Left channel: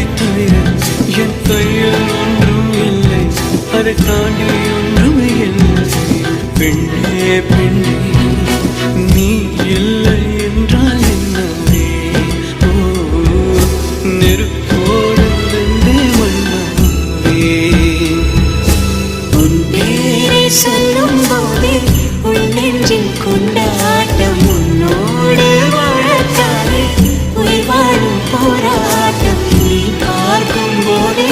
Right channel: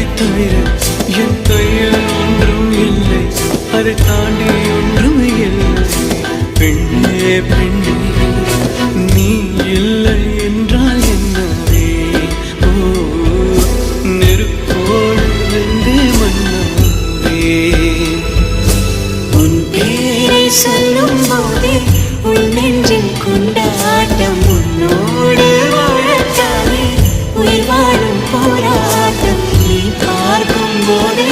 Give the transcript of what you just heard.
உன்னை தவிர என் கையில் ஒன்றும் இல்லை, அதை தாண்டி ஒன்றுமே இல்லை. பெண்ணே பெண்ணே நீ இல்லை என்றால் என்னவே? ஓ நெருப்போடு வெந்தே மண்ணாவே. உன் பேரை சொல்லும் போதே உன் நெஞ்சில் கொண்டாட்டம், உன்னோடு வாழத்தானே உயிர் வாழும் போராட்டம். நீ பார்க்கும் போதே